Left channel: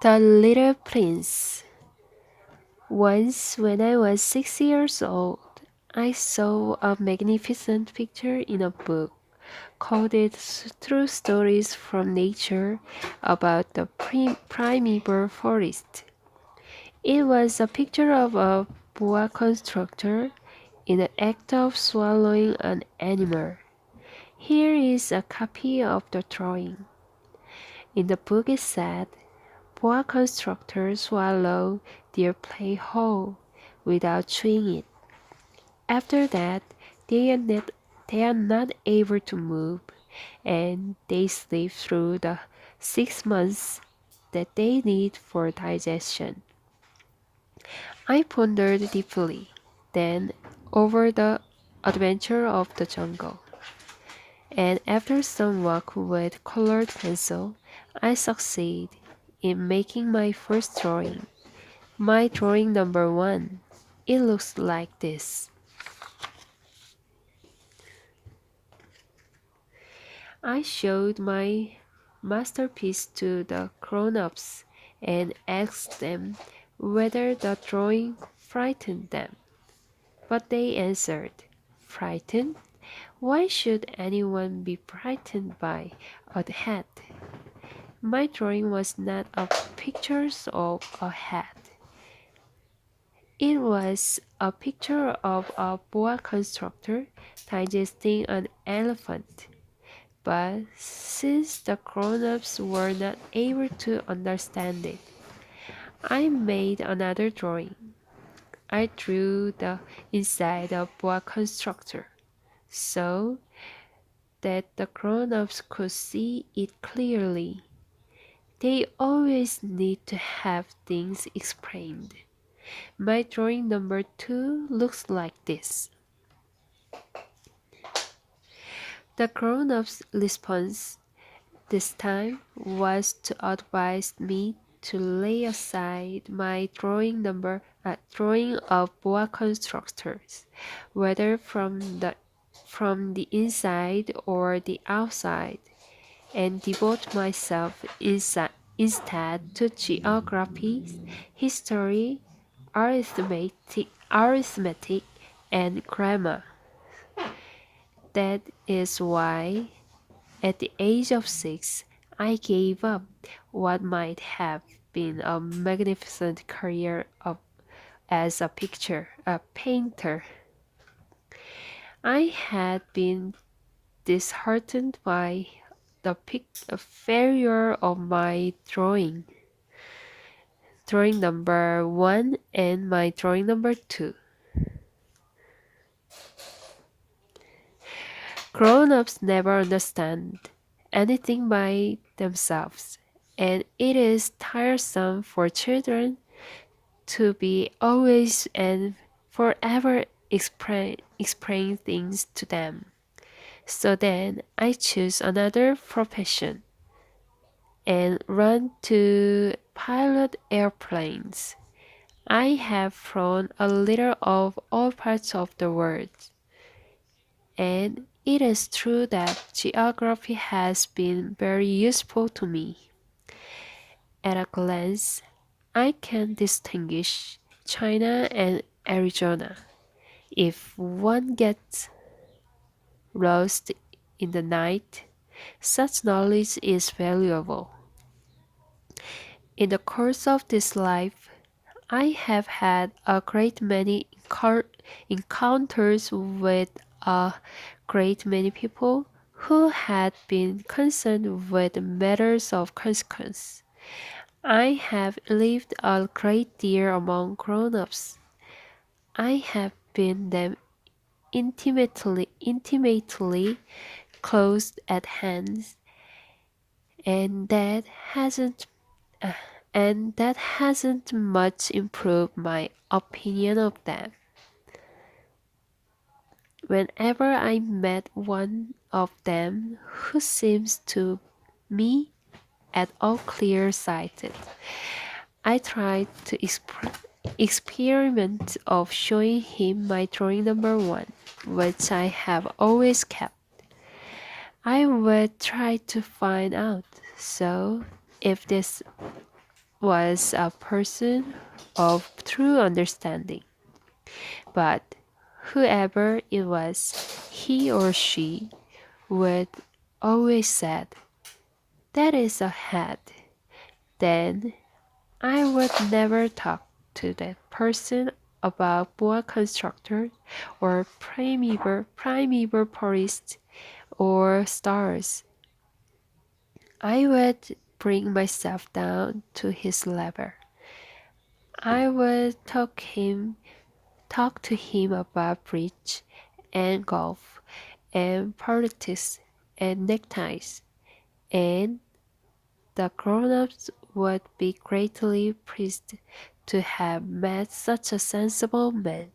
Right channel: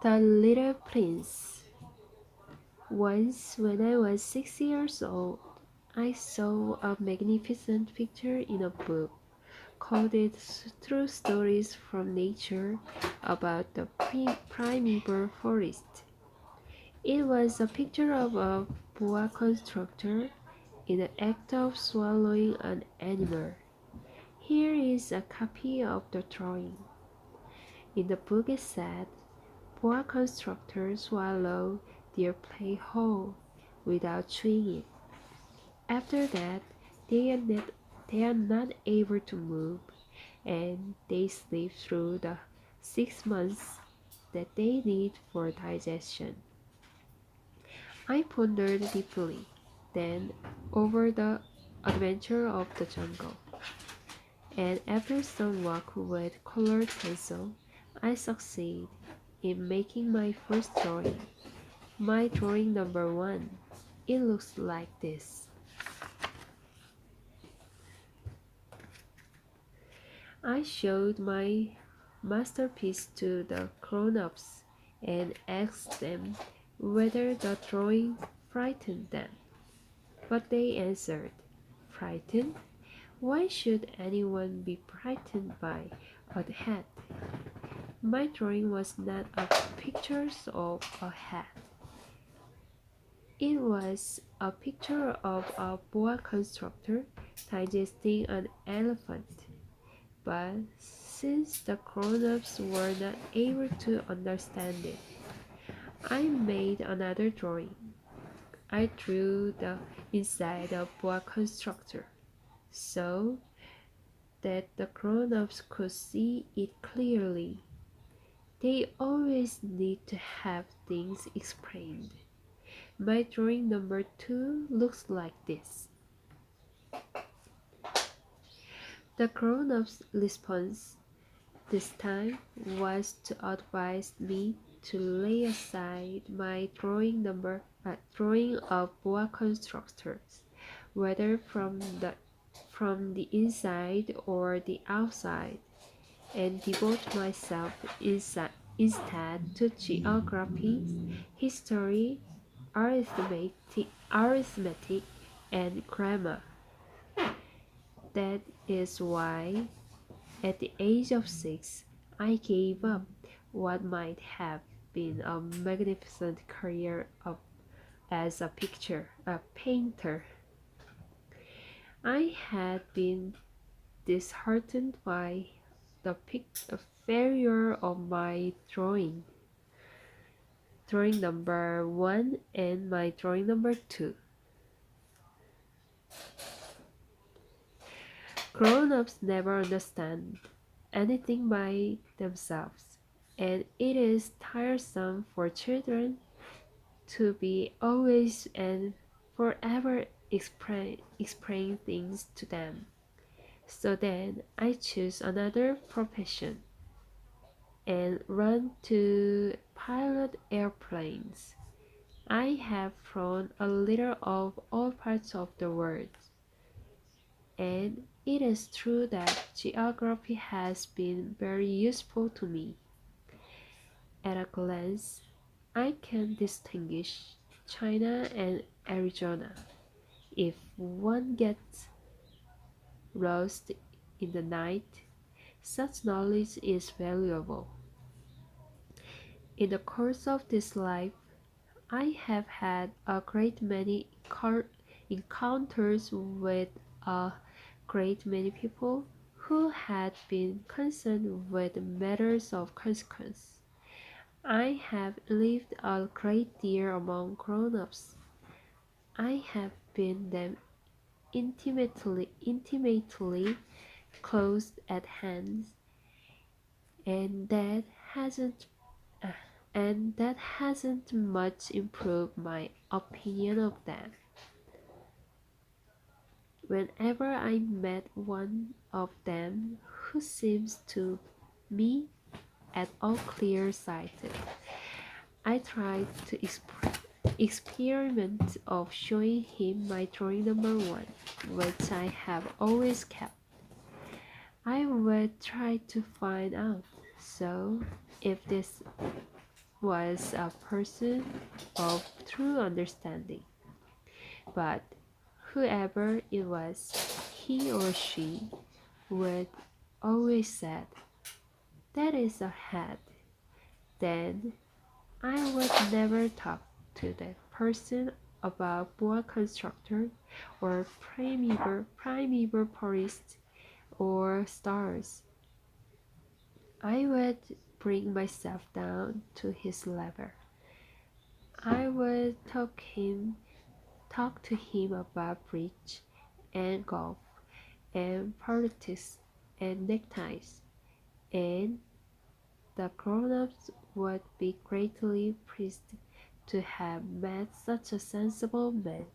The Little Prince. Once, when I was 6 years old, I saw a magnificent picture in a book called it True Stories from Nature about the primeval forest. It was a picture of a boa constrictor in the act of swallowing an animal. Here is a copy of the drawing. In the book it said, boa constrictors swallow their prey whole without chewing it. After that, they are not able to move, and they sleep through the 6 months that they need for digestion. I pondered deeply, then, over the adventure of the jungle, and after some work with colored pencil, I succeeded in making my first drawing. My drawing number one. It looks like this. I showed my masterpiece to the grown-ups and asked them whether the drawing frightened them. But they answered, frightened? Why should anyone be frightened by a hat? My drawing was not of pictures of a hat. It was a picture of a boa constrictor digesting an elephant. But since the grown-ups were not able to understand it, I made another drawing. I drew the inside of boa constrictor so that the grown-ups could see it clearly. They always need to have things explained. My drawing number two looks like this. The grown-up's response this time was to advise me to lay aside my drawing of boa constrictors, whether from the inside or the outside, and devote myself instead to geography, history, arithmetic, and grammar. That is why, at the age of 6, I gave up what might have been a magnificent career as a painter. I had been disheartened by the failure of my drawing number one and my drawing number two. Grown-ups never understand anything by themselves, and it is tiresome for children to be always and forever explain things to them. So then I choose another profession and run to pilot airplanes. I have flown a little of all parts of the world, and it is true that geography has been very useful to me. At a glance, I can distinguish China and Arizona. If one gets lost in the night, such knowledge is valuable. In the course of this life, I have had a great many encounters with a great many people who had been concerned with matters of consequence. I have lived a great deal among grown-ups. I have been them intimately close at hand, and uh, that hasn't much improved my opinion of them. Whenever I met one of them who seems to me at all clear-sighted, I tried to experiment of showing him my drawing number one, which I have always kept. I would try to find out, so if this was a person of true understanding. But whoever it was, he or she would always said, "That is a head." Then I would never talk to that person about boa constructor or primeval forests or stars. I would bring myself down to his level. I would talk to him about bridge and golf and politics and neckties, and the grown-ups would be greatly pleased to have met such a sensible man.